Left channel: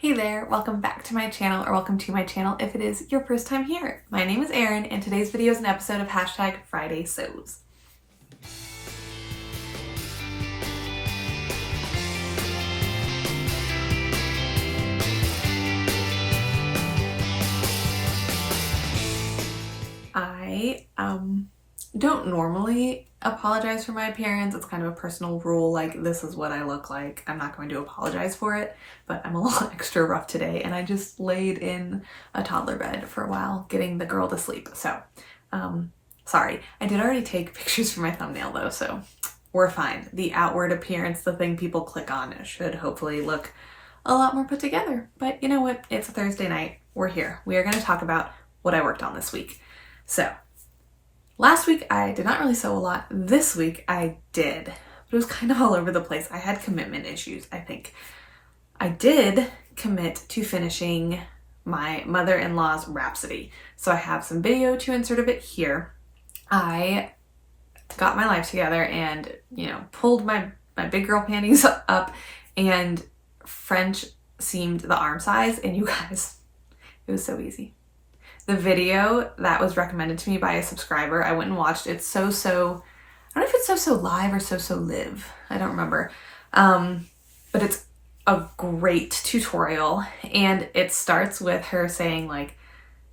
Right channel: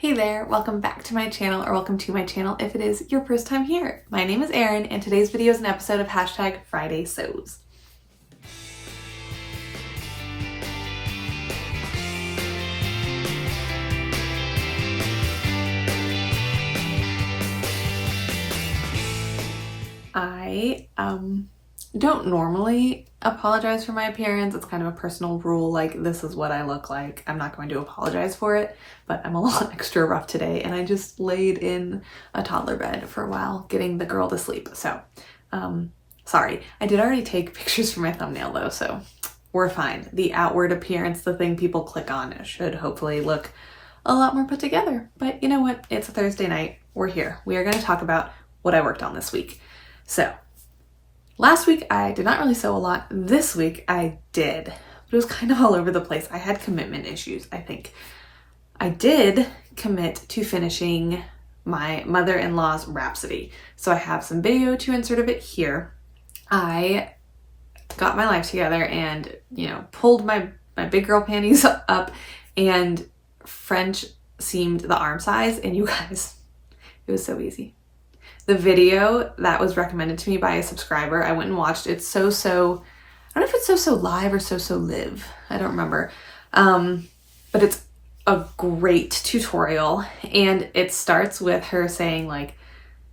Hey there, welcome back to my channel, or welcome to my channel if it is your first time here. My name is Erin, and today's video is an episode of #FridaySews. I don't normally apologize for my appearance. It's kind of a personal rule, like this is what I look like. I'm not going to apologize for it, but I'm a little extra rough today and I just laid in a toddler bed for a while getting the girl to sleep. So, sorry. I did already take pictures for my thumbnail though, so we're fine. The outward appearance, the thing people click on, should hopefully look a lot more put together. But you know what? It's a Thursday night. We're here. We are going to talk about what I worked on this week. So, last week I did not really sew a lot. This week I did, but it was kind of all over the place. I had commitment issues, I think. I did commit to finishing my mother-in-law's Rhapsody. So I have some video to insert of it here. I got my life together and, pulled my big girl panties up and French seamed the arm size, and you guys, it was so easy. The video that was recommended to me by a subscriber, I went and watched. It's I don't know if it's So Live or So Live. I don't remember. But it's a great tutorial, and it starts with her saying like,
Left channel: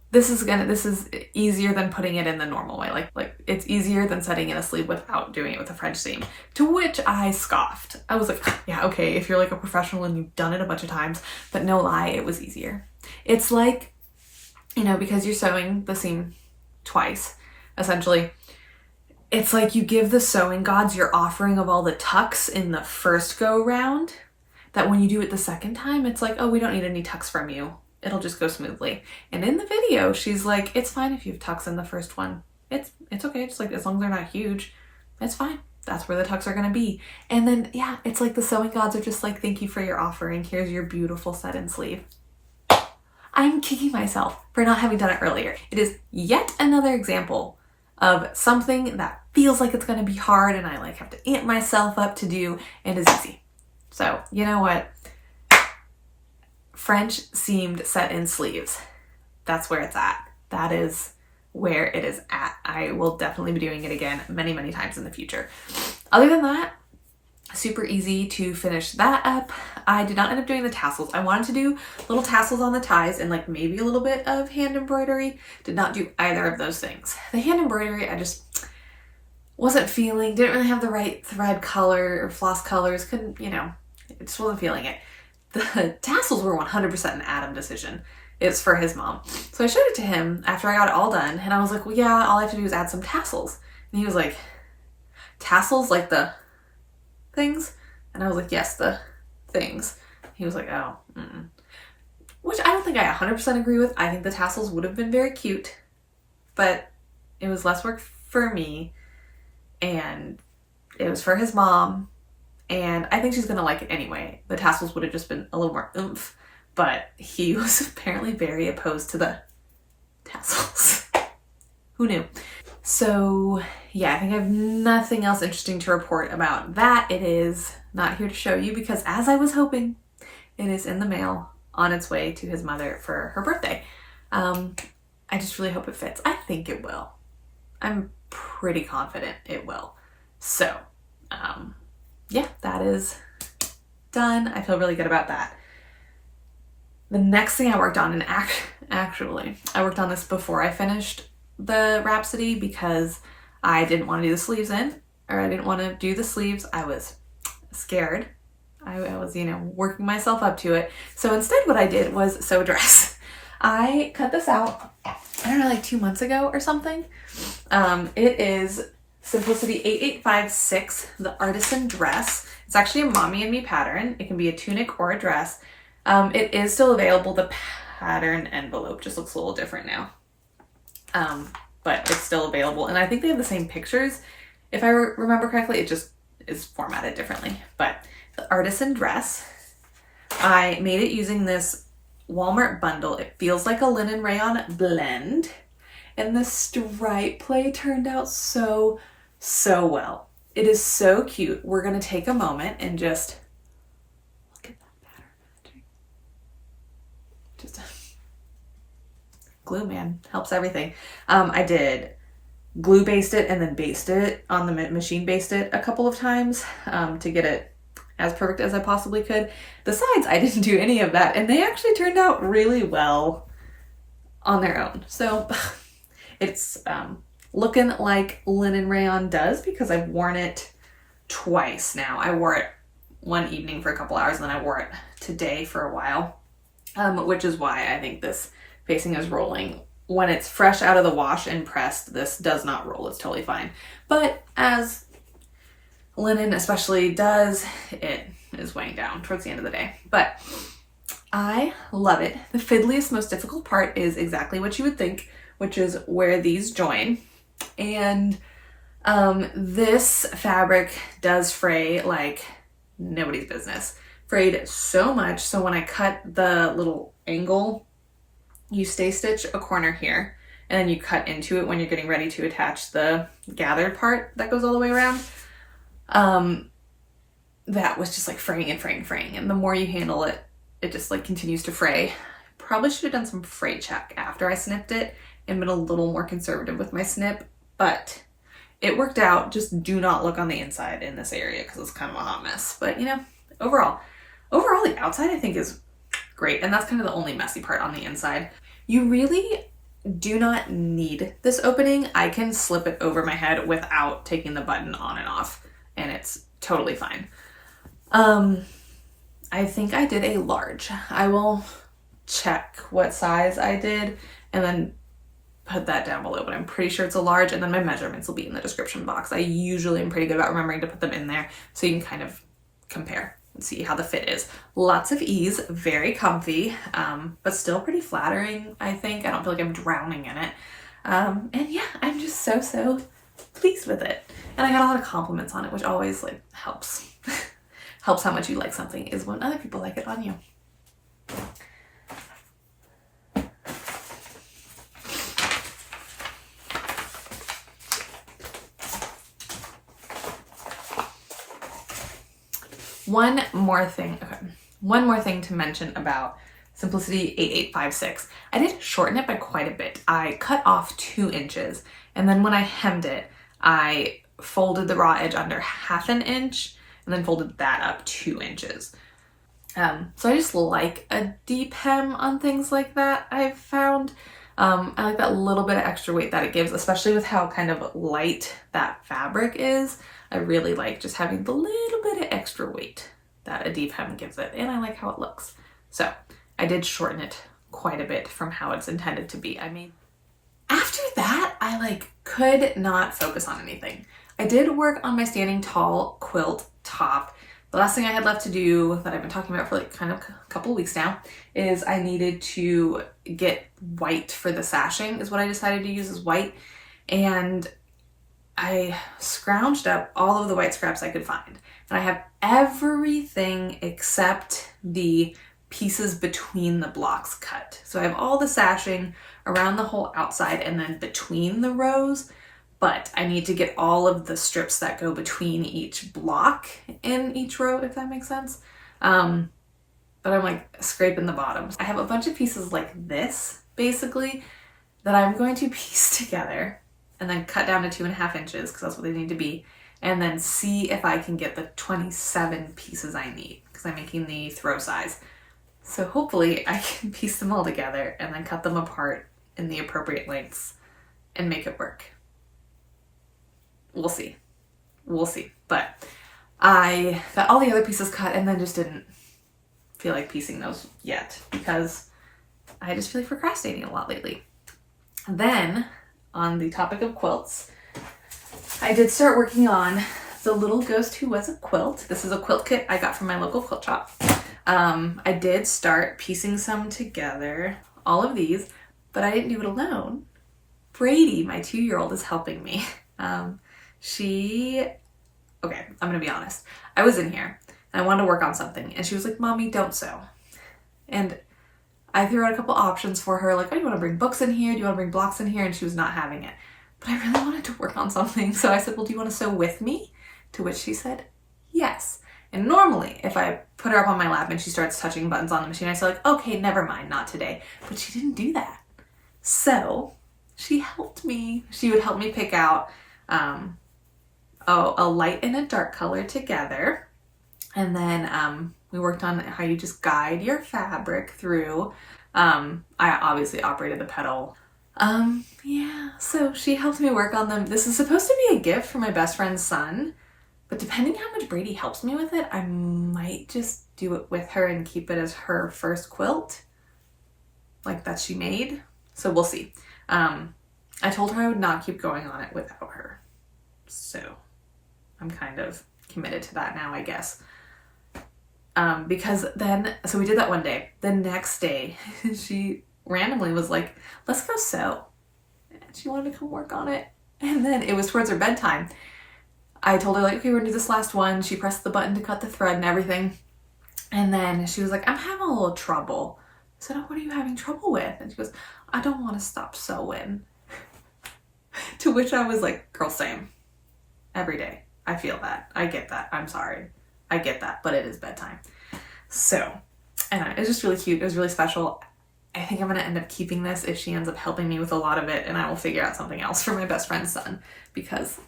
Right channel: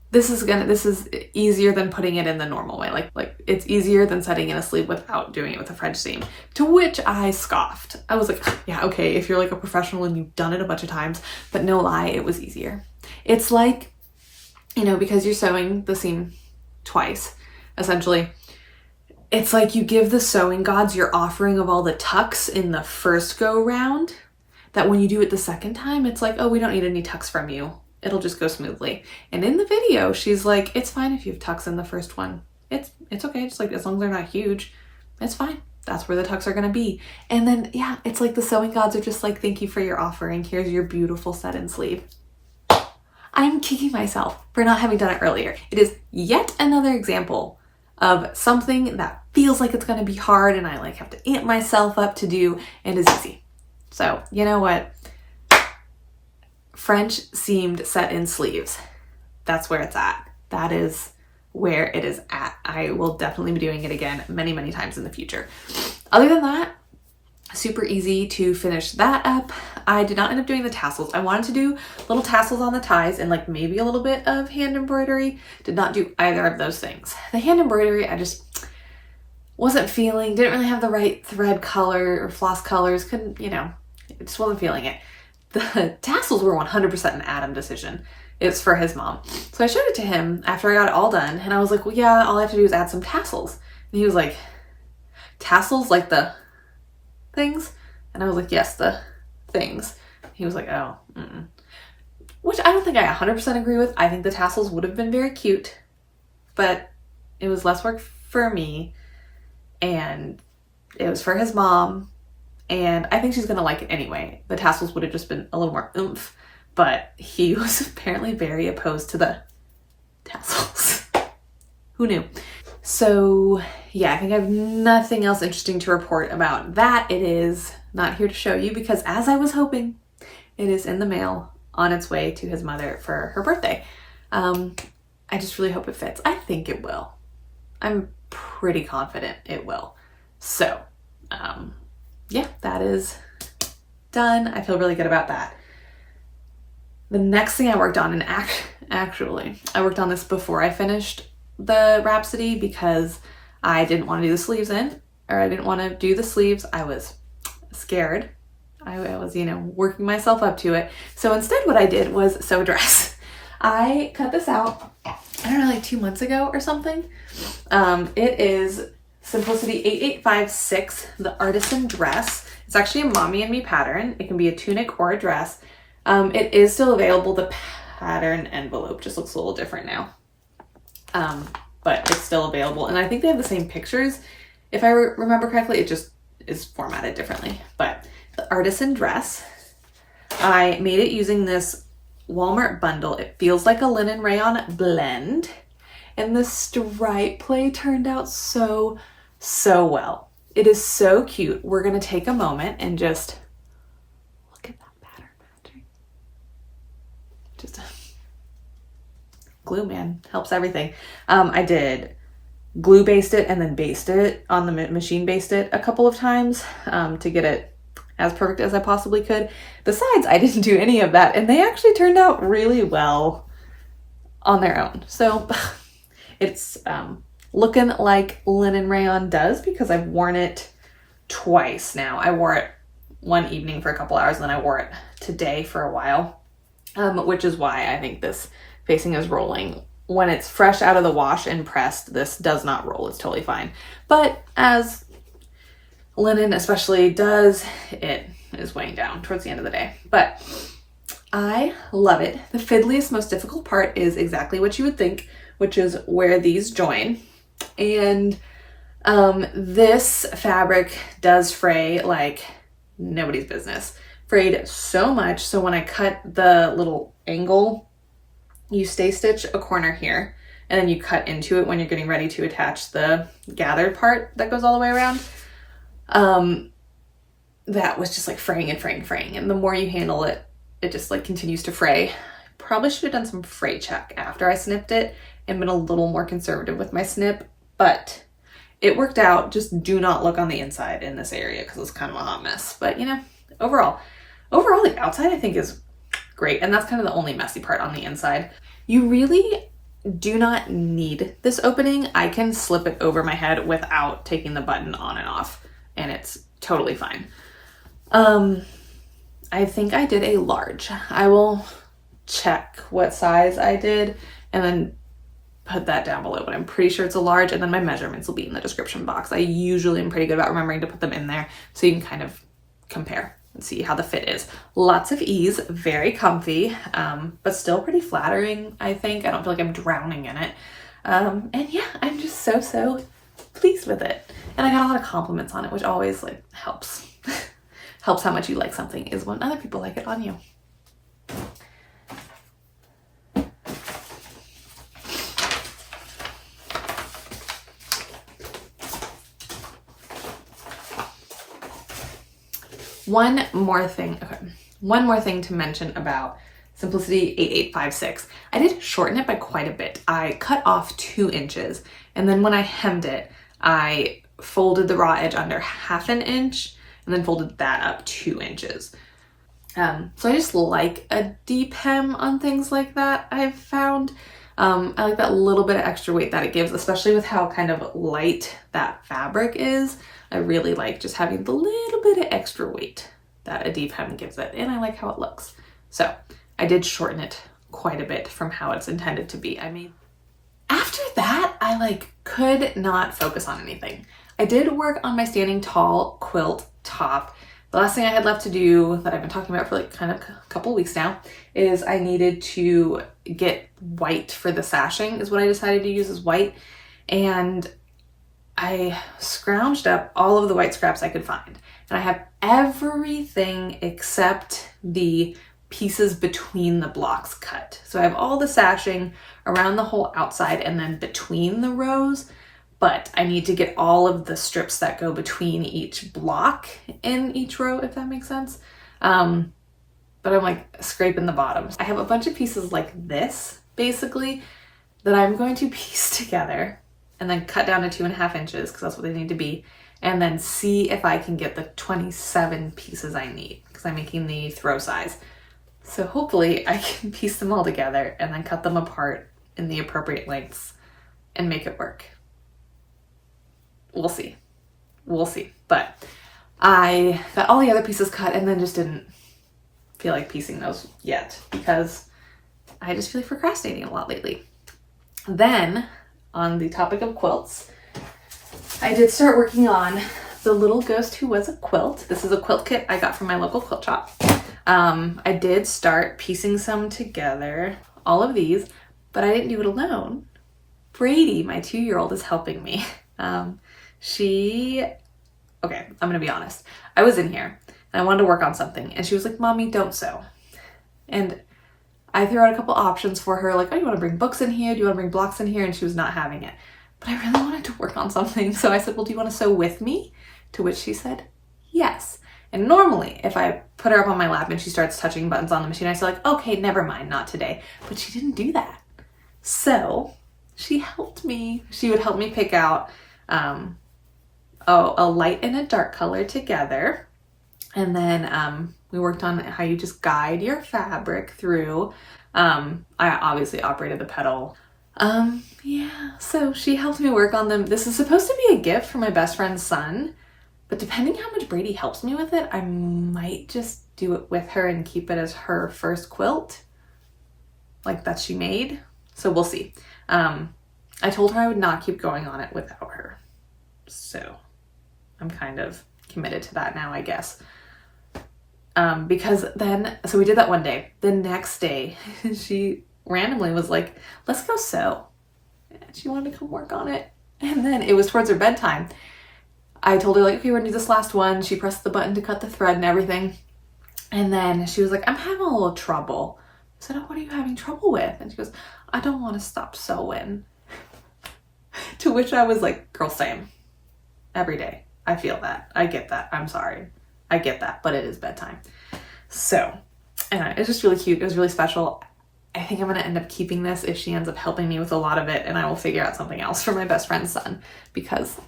this is easier than putting it in the normal way. Like it's easier than setting in a sleeve without doing it with a French seam. To which I scoffed. I was like, yeah, okay, if you're like a professional and you've done it a bunch of times, but no lie, it was easier. It's like, because you're sewing the seam twice, essentially, it's like you give the sewing gods your offering of all the tucks in the first go round, that when you do it the second time, it's like, oh, we don't need any tucks from you. It'll just go smoothly. And in the video, she's like, it's fine if you have tucks in the first one. It's okay, just like as long as they're not huge, it's fine. That's where the tucks are gonna be. And then, yeah, it's like the sewing gods are just like, thank you for your offering. Here's your beautiful set-in sleeve. I'm kicking myself for not having done it earlier. It is yet another example of something that feels like it's going to be hard and I have to amp myself up to do, and is easy. So, you know what? French seamed set-in sleeves. That's where it's at. That is where it is at. I will definitely be doing it again many, many times in the future. Other than that, super easy to finish that up. I did not end up doing the tassels. I wanted to do little tassels on the ties and maybe a little bit of hand embroidery. Did not do either of those things. The hand embroidery, I just wasn't feeling, didn't really have the right thread color or floss colors. Couldn't, just wasn't feeling it. The tassels were 100% an Adam decision. It's for his mom. So I showed it to him after I got it all done, and I was like, well, yeah, all I have to do is add some tassels. And he was like, tassels like the things? And I was like, yes, the things. He was like, oh, which I don't think I 100% agree with. I think the tassels would have been very cute, but it was less work for me, and it was for his mom, and I think she's gonna like it anyway. The tassels would have just been a little more oomph, but he was apparently very opposed to the tassels. Who knew? So yeah, I think I have nothing else interesting to report about that. It is not here to show you because, as I was hoping, it is in the mail on its way to his mother for her birthday. I just really hope it fits. I think it will. I'm pretty confident it will. So yeah, that is done. I feel really good about that. The next thing I worked on, and actually I worked on this before I finished the Rhapsody because I didn't want to do the sleeves I didn't want to do the sleeves. I was scared. I was, working myself up to it. So instead what I did was sew a dress. I cut this out, I don't know, 2 months ago or something. It is Simplicity 8856, the Artisan dress. It's actually a mommy and me pattern. It can be a tunic or a dress. It is still available. The pattern envelope just looks a little different now. But it's still available. And I think they have the same pictures. If I remember correctly, it just is formatted differently. But the Artisan dress, I made it using this Walmart bundle. It feels like a linen rayon blend. And the stripe play turned out so well. It is so cute. We're going to take a moment and just look at that pattern matching. just glue, man, helps everything. I did glue baste it and then baste it on the machine, baste it a couple of times to get it as perfect as I possibly could. The sides, I didn't do any of that, and they actually turned out really well on their own. So it's looking like linen rayon does, because I've worn it twice now. I wore it one evening for a couple hours, and then I wore it today for a while, which is why I think this facing is rolling. When it's fresh out of the wash and pressed, this does not roll. It's totally fine. But as linen especially does, it is weighing down towards the end of the day. But I love it. The fiddliest, most difficult part is exactly what you would think, which is where these join. And this fabric does fray like nobody's business. Frayed so much, so when I cut the little angle, you stay stitch a corner here, and then you cut into it when you're getting ready to attach the gathered part that goes all the way around. That was just like fraying and fraying and fraying, and the more you handle it, it just like continues to fray. Probably should have done some fray check after I snipped it and been a little more conservative with my snip, but it worked out. Just do not look on the inside in this area because it's kind of a hot mess. But you know, overall the outside I think is great, and that's kind of the only messy part on the inside. You really do not need this opening. I can slip it over my head without taking the button on and off, and it's totally fine. I think I did a large. I will check what size I did and then put that down below, but I'm pretty sure it's a large, and then my measurements will be in the description box. I usually am pretty good about remembering to put them in there so you can kind of compare and see how the fit is. Lots of ease, very comfy, but still pretty flattering, I think. I don't feel like I'm drowning in it. And yeah, I'm just so pleased with it. And I got a lot of compliments on it, which always like helps. Helps how much you like something is when other people like it on you. One more thing to mention about Simplicity 8856. I did shorten it by quite a bit. I cut off 2 inches, and then when I hemmed it, I folded the raw edge under 1/2 inch and then folded that up 2 inches. So I just like a deep hem on things like that, I've found. I like that little bit of extra weight that it gives, especially with how kind of light that fabric is. I really like just having the little bit of extra weight that a deep hem gives it, and I like how it looks. So I did shorten it quite a bit from how it's intended to be. After that, I like could not focus on anything. I did work on my standing tall quilt top. The last thing I had left to do that I've been talking about for like kind of a couple weeks now is I needed to get white for the sashing, is what I decided to use as white. And I scrounged up all of the white scraps I could find. And I have everything except the pieces between the blocks cut. So I have all the sashing around the whole outside and then between the rows, but I need to get all of the strips that go between each block in each row, if that makes sense. But I'm like scraping the bottoms. I have a bunch of pieces like this, basically, that I'm going to piece together and then cut down to 2.5 inches, because that's what they need to be, and then see if I can get the 27 pieces I need, because I'm making the throw size. So hopefully I can piece them all together and then cut them apart in the appropriate lengths and make it work. We'll see. But I got all the other pieces cut and then just didn't feel like piecing those yet, because I just feel like procrastinating a lot lately. Then, on the topic of quilts, I did start working on the Little Ghost Who Was a Quilt. This is a quilt kit I got from my local quilt shop. I did start piecing some together, all of these, but I didn't do it alone. Brady, my 2-year-old, is helping me. Okay, I'm gonna be honest. I was in here and I wanted to work on something, and she was like, "Mommy, don't sew." And I threw out a couple options for her, like, "Oh, you want to bring books in here? Do you want to bring blocks in here?" And she was not having it. But I really wanted to work on something, so I said, "Well, do you want to sew with me?" To which she said, "Yes." And normally if I put her up on my lap and she starts touching buttons on the machine, I say like, okay, never mind, not today. But she didn't do that. So she helped me. She would help me pick out a light and a dark color together. And then we worked on how you just guide your fabric through. I obviously operated the pedal. Yeah, so she helped me work on them. This is supposed to be a gift for my best friend's son, but depending how much Brady helps me with it, I might just do it with her and keep it as her first quilt, like that she made. So we'll see. I told her I would not keep going on it without her. So I'm kind of committed to that now, I guess. Because then, so we did that one day. The next day, she randomly was like, let's go sew. And she wanted to come work on it. And then it was towards her bedtime. I told her like, okay, we're gonna do this last one. She pressed the button to cut the thread and everything. And then she was like, I'm having a little trouble. I said, oh, what are you having trouble with? And she goes, I don't want to stop sewing. To which I was like, girl, same. Every day. I feel that. I get that. I'm sorry. I get that, but it is bedtime. So, and it was just really cute. It was really special. I think I'm going to end up keeping this if she ends up helping me with a lot of it, and I will figure out something else for my best friend's son, because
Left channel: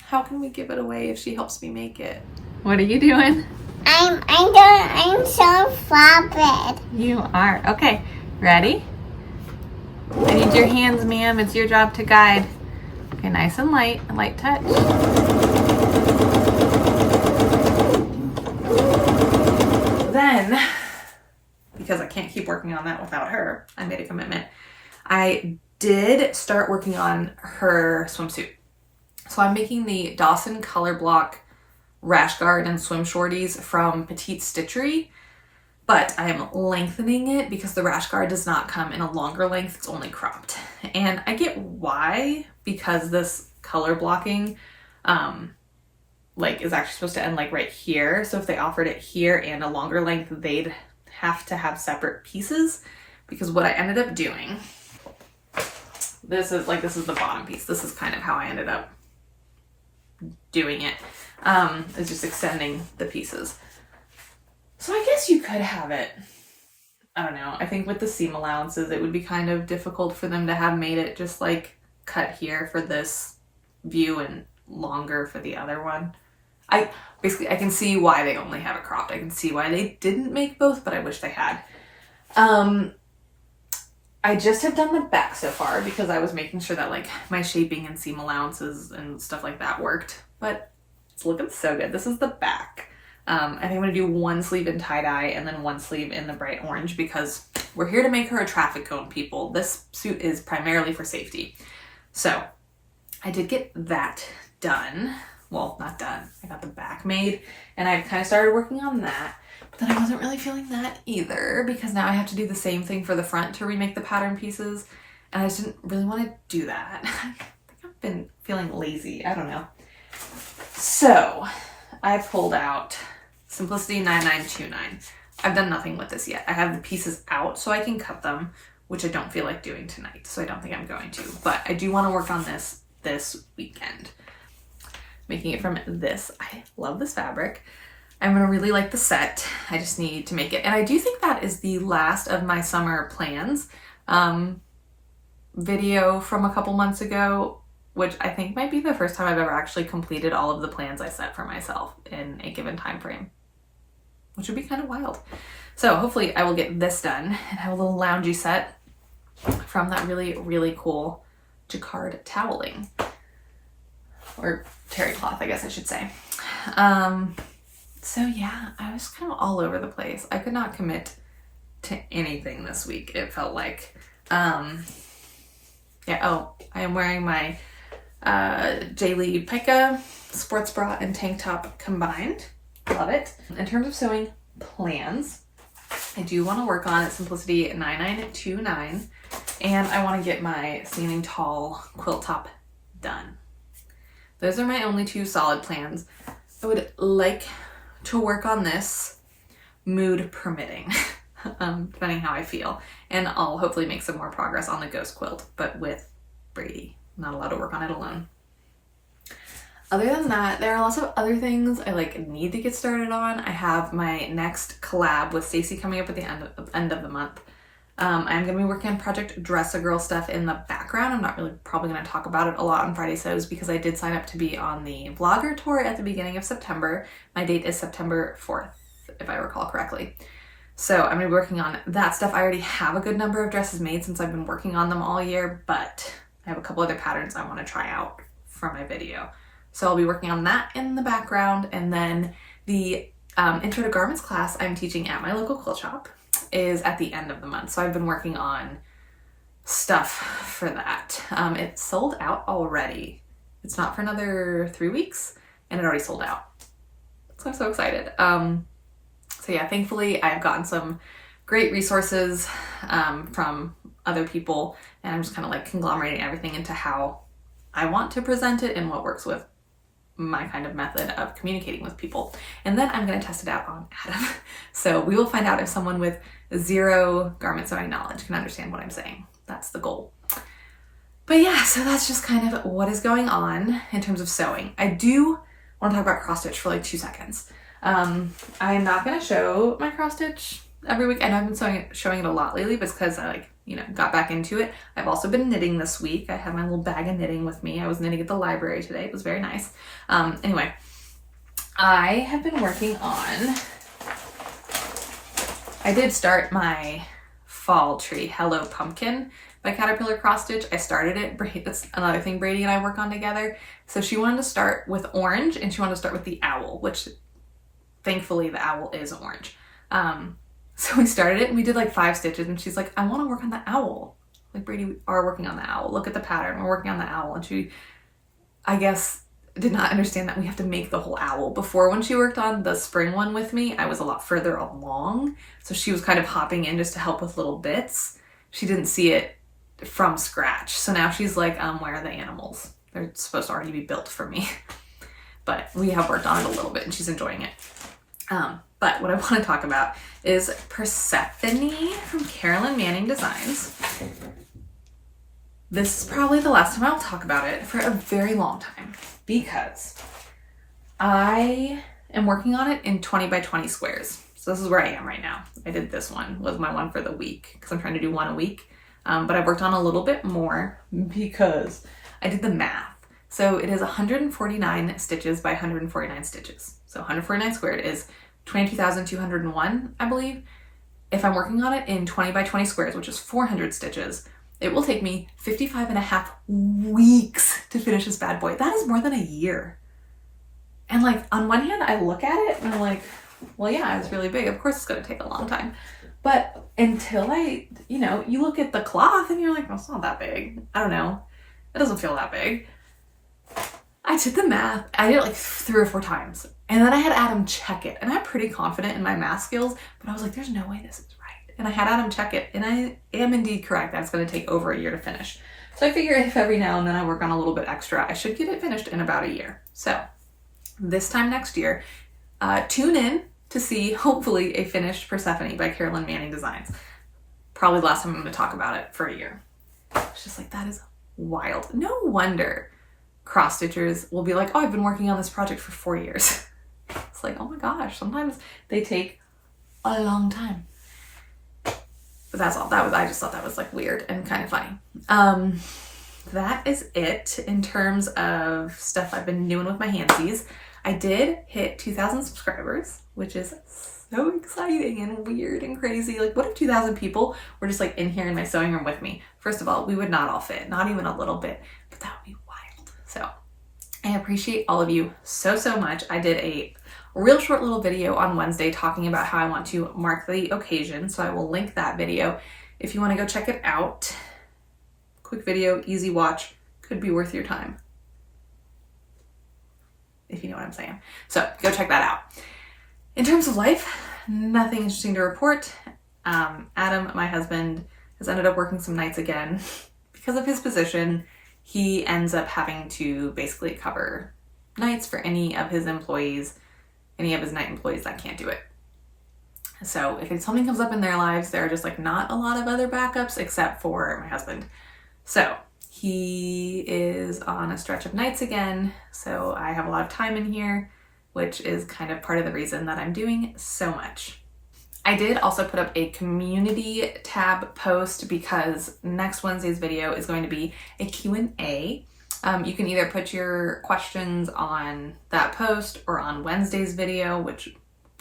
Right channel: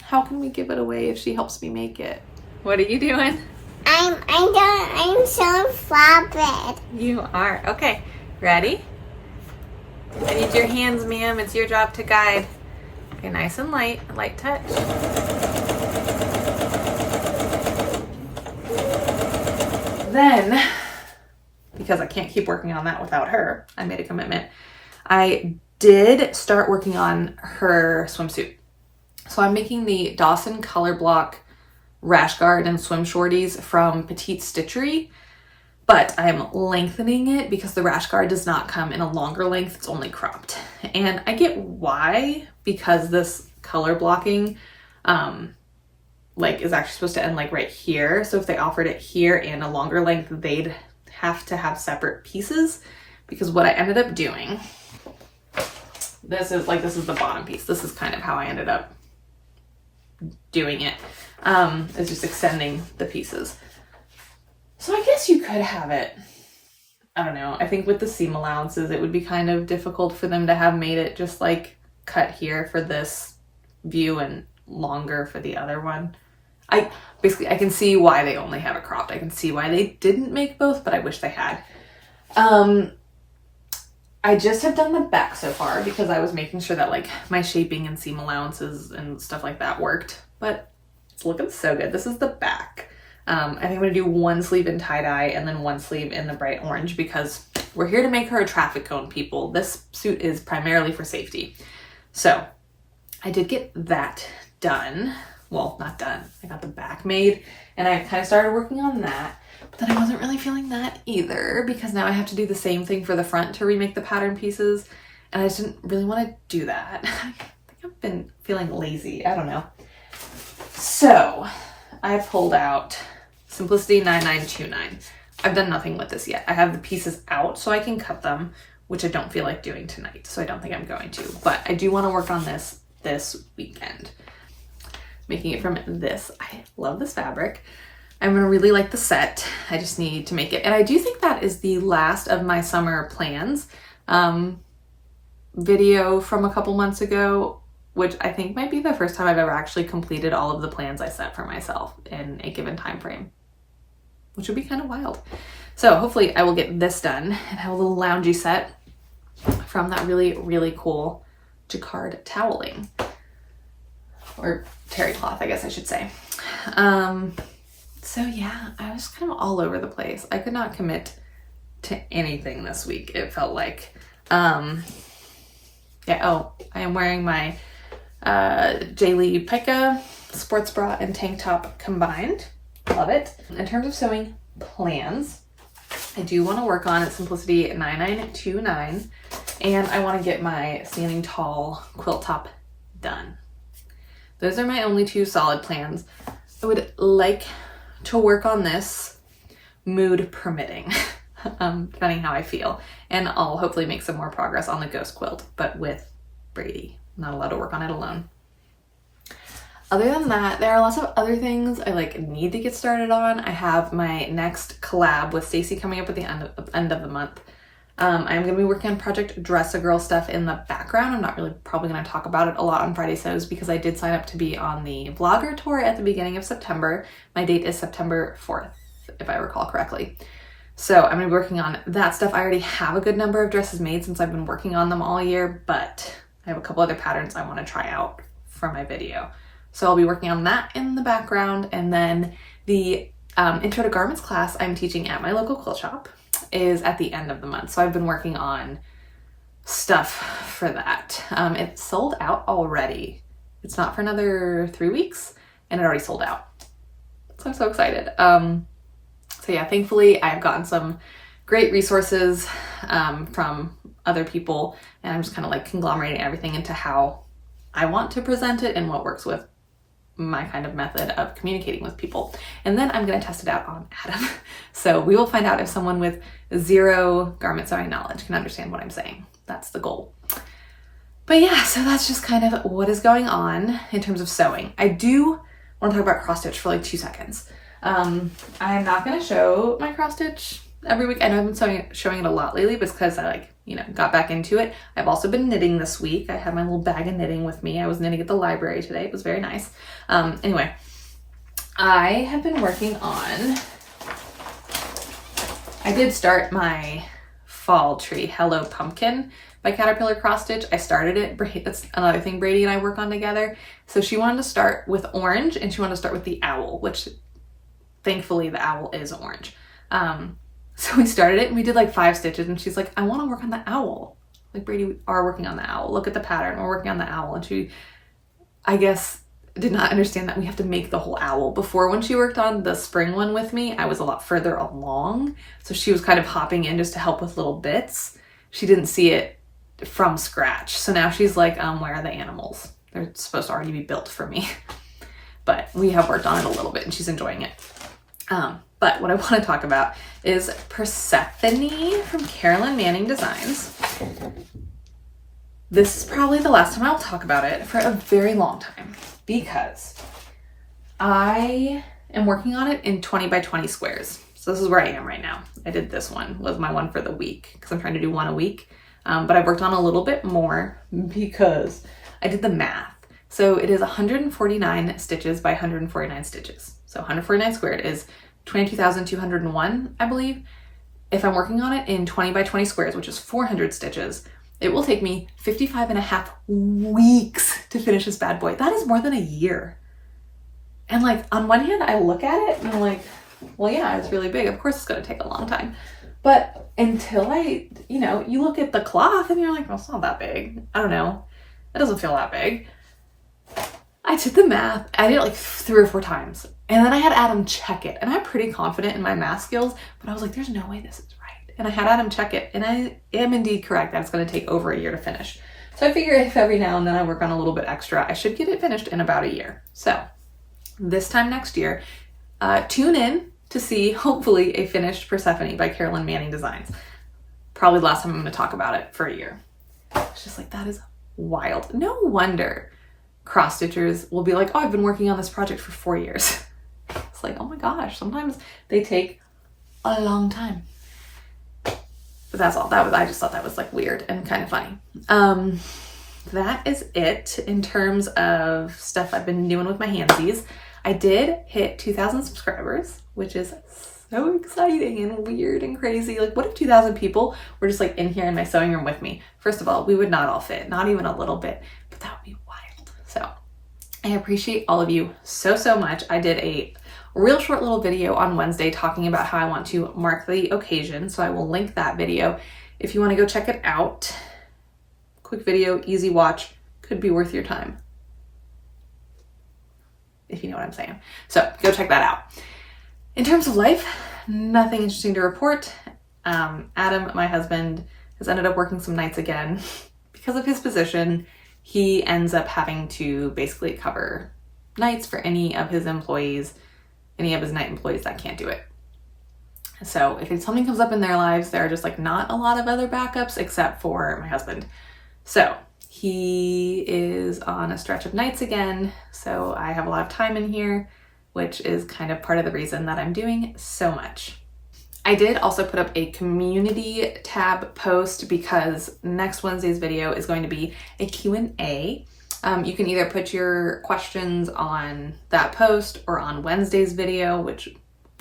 how can we give it away if she helps me make it? What are you doing? I'm so fabric. You are. Okay. Ready? I need your hands, ma'am. It's your job to guide. Okay, nice and light touch. Then, because I can't keep working on that without her, I made a commitment. I did start working on her swimsuit. So I'm making the Dawson Color Block rash guard and swim shorties from Petite Stitchery, but I'm lengthening it because the rash guard does not come in a longer length, it's only cropped. And I get why, because this color blocking like is actually supposed to end like right here. So if they offered it here and a longer length, they'd have to have separate pieces, because what I ended up doing, this is the bottom piece. This is kind of how I ended up doing it, is just extending the pieces. So I guess you could have it, I don't know. I think with the seam allowances, it would be kind of difficult for them to have made it just like cut here for this view and longer for the other one. I can see why they only have it cropped. I can see why they didn't make both, but I wish they had. I just have done the back so far because I was making sure that like my shaping and seam allowances and stuff like that worked, but it's looking so good. This is the back. I think I'm gonna do one sleeve in tie-dye and then one sleeve in the bright orange, because we're here to make her a traffic cone, people. This suit is primarily for safety. So I did get that done. Well, not done. I got the back made and I kind of started working on that, but then I wasn't really feeling that either, because now I have to do the same thing for the front to remake the pattern pieces. And I just didn't really want to do that. I think I've been feeling lazy. I don't know. So I pulled out Simplicity 9929. I've done nothing with this yet. I have the pieces out so I can cut them, which I don't feel like doing tonight. So I don't think I'm going to, but I do want to work on this weekend. Making it from this. I love this fabric. I'm gonna really like the set. I just need to make it. And I do think that is the last of my summer plans video from a couple months ago, which I think might be the first time I've ever actually completed all of the plans I set for myself in a given time frame, which would be kind of wild. So hopefully I will get this done and have a little loungy set from that really, really cool jacquard toweling, or terry cloth, I guess I should say. So yeah, I was kind of all over the place. I could not commit to anything this week, it felt like. Yeah, oh, I am wearing my daily pica sports bra and tank top combined. Love it. In terms of sewing plans, I do want to work on Simplicity 9929, and I want to get my standing tall quilt top done. Those are my only two solid plans. I would like to work on this, mood permitting, depending how I feel. And I'll hopefully make some more progress on the ghost quilt, but with Brady. I'm not allowed to work on it alone. Other than that, there are lots of other things I like need to get started on. I have my next collab with Stacy coming up at the end of the month. I'm going to be working on Project Dress a Girl stuff in the background. I'm not really probably going to talk about it a lot on Friday Sews because I did sign up to be on the vlogger tour at the beginning of September. My date is September 4th, if I recall correctly. So I'm going to be working on that stuff. I already have a good number of dresses made since I've been working on them all year, but I have a couple other patterns I want to try out for my video. So I'll be working on that in the background. And then the Intro to Garments class I'm teaching at my local quilt shop is at the end of the month. So I've been working on stuff for that. It's sold out already. It's not for another 3 weeks and it already sold out. So I'm so excited. So yeah, thankfully I've gotten some great resources from other people, and I'm just kind of like conglomerating everything into how I want to present it and what works with my kind of method of communicating with people. And then I'm going to test it out on Adam. So we will find out if someone with 0 garment sewing knowledge can understand what I'm saying. That's the goal. But yeah, so that's just kind of what is going on in terms of sewing. I do want to talk about cross stitch for like 2 seconds. I'm not going to show my cross stitch every week. I know I've been showing it a lot lately, but it's because I got back into it. I've also been knitting this week. I have my little bag of knitting with me. I was knitting at the library today. It was very nice. Anyway, I have been working on, I did start my fall tree, Hello Pumpkin by Caterpillar cross stitch. I started it. That's another thing Brady and I work on together. So she wanted to start with orange and she wanted to start with the owl, which thankfully the owl is orange. So we started it and we did like 5 stitches and she's like, I want to work on the owl. Like, Brady, we are working on the owl. Look at the pattern. We're working on the owl. And she, I guess, did not understand that we have to make the whole owl. Before, when she worked on the spring one with me, I was a lot further along. So she was kind of hopping in just to help with little bits. She didn't see it from scratch. So now she's like, where are the animals? They're supposed to already be built for me. But we have worked on it a little bit and she's enjoying it. But what I want to talk about is Persephone from Carolyn Manning Designs. This is probably the last time I'll talk about it for a very long time because I am working on it in 20 by 20 squares. So this is where I am right now. I did this one, was my one for the week because I'm trying to do one a week. But I've worked on a little bit more because I did the math. So it is 149 stitches by 149 stitches. So 149 squared is 22,201, I believe. If I'm working on it in 20 by 20 squares, which is 400 stitches, it will take me 55.5 weeks to finish this bad boy. That is more than a year. And like, on one hand, I look at it and I'm like, well, yeah, it's really big. Of course it's going to take a long time. But until you look at the cloth and you're like, well, it's not that big. I don't know. It doesn't feel that big. I did the math. I did it like 3 or 4 times. And then I had Adam check it. And I'm pretty confident in my math skills, but I was like, there's no way this is right. And I had Adam check it. And I am indeed correct. That's going to take over a year to finish. So I figure if every now and then I work on a little bit extra, I should get it finished in about a year. So this time next year, tune in to see, hopefully, a finished Persephone by Carolyn Manning Designs. Probably the last time I'm going to talk about it for a year. It's just like, that is wild. No wonder cross stitchers will be like, oh, I've been working on this project for 4 years. It's like, oh my gosh, sometimes they take a long time. But that's all. I just thought that was like weird and kind of funny. That is it in terms of stuff I've been doing with my handsies. I did hit 2,000 subscribers, which is so exciting and weird and crazy. Like, what if 2,000 people were just like in here in my sewing room with me? First of all, we would not all fit, not even a little bit, but that would be wild. So I appreciate all of you so much. I did a real short little video on Wednesday talking about how I want to mark the occasion. So I will link that video if you want to go check it out. Quick video, easy watch, could be worth your time, if you know what I'm saying. So go check that out. In terms of life, nothing interesting to report. Adam, my husband, has ended up working some nights again. Because of his position, he ends up having to basically cover nights for any of his employees, any of his night employees that can't do it. So if something comes up in their lives, there are just like not a lot of other backups except for my husband. So He is on a stretch of nights again, so I have a lot of time in here, which is kind of part of the reason that I'm doing so much. I did also put up a community tab post because next Wednesday's video is going to be a Q&A. You can either put your questions on that post or on Wednesday's video, which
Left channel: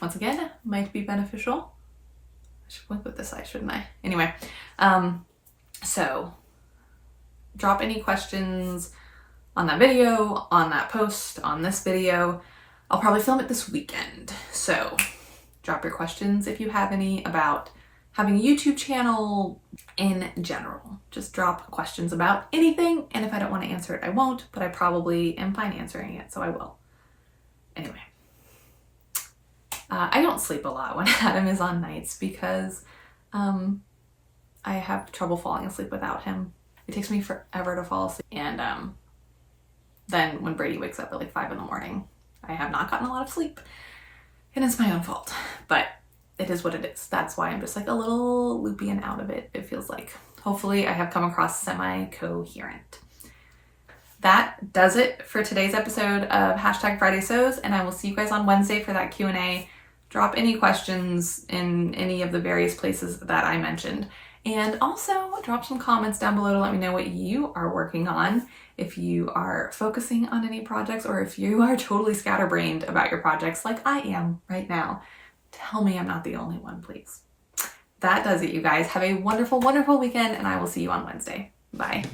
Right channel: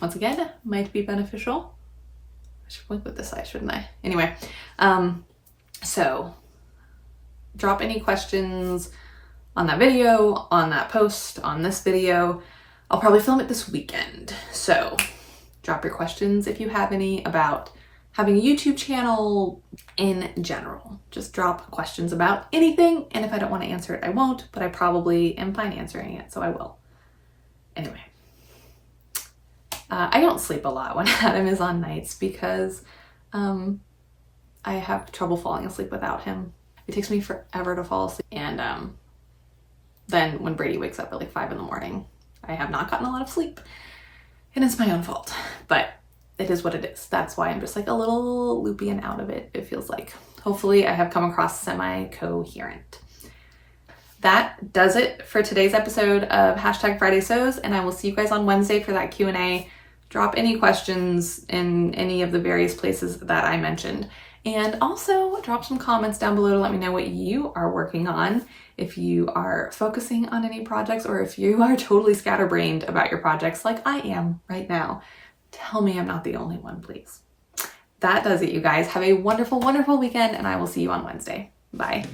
once again might be beneficial. I should link with this side, shouldn't I? Anyway, so drop any questions on that video, on that post, on this video. I'll probably film it this weekend. So drop your questions if you have any about having a YouTube channel in general. Just drop questions about anything, and if I don't want to answer it, I won't, but I probably am fine answering it, so I will. Anyway, I don't sleep a lot when Adam is on nights because I have trouble falling asleep without him. It takes me forever to fall asleep, and then when Brady wakes up at like 5 in the morning, I have not gotten a lot of sleep, and it's my own fault, but it is what it is. That's why I'm just like a little loopy and out of it, it feels like. Hopefully I have come across semi-coherent. That does it for today's episode of #Friday Sews, and I will see you guys on Wednesday for that Q&A. Drop any questions in any of the various places that I mentioned. And also drop some comments down below to let me know what you are working on, if you are focusing on any projects, or if you are totally scatterbrained about your projects like I am right now. Tell me I'm not the only one, please. That does it, you guys. Have a wonderful, wonderful weekend, and I will see you on Wednesday. Bye.